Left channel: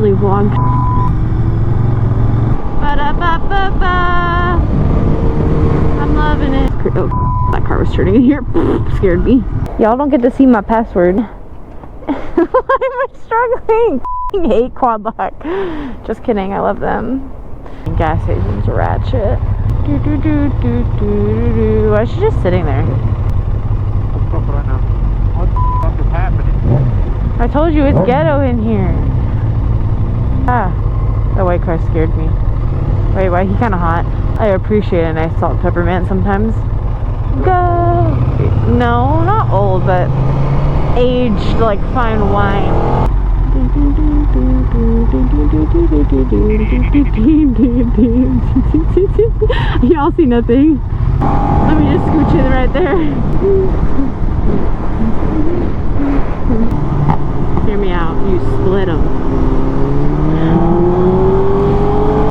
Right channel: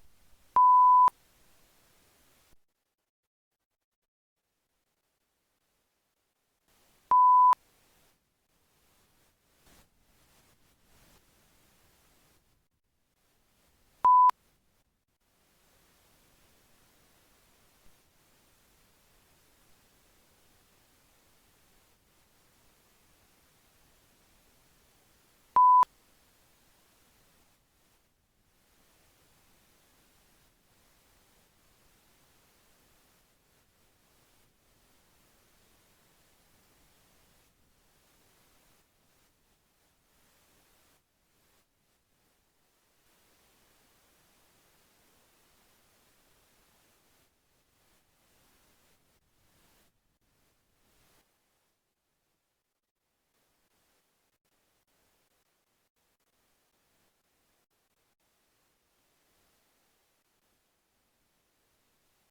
girly vlog. Ba-da-ba-ba-ba. I'm loving it. Oh, that car was turning in here. Scared me. Y'all don't get to see my password. Why am I struggling? I hate quad lock. Just kidding, I love them. Gas stations are ratchet. Why is she just sitting there? What the fuck is happening? I told you it's ghetto in here. Ah, that white car scared me. Wait, why? He kind of hot. I appreciate a nice salt peppermint sometimes. Go. No, not old, but aged like fine wine. Y'all see nothing? Let me just scooch in right there. Hear me out. You split them.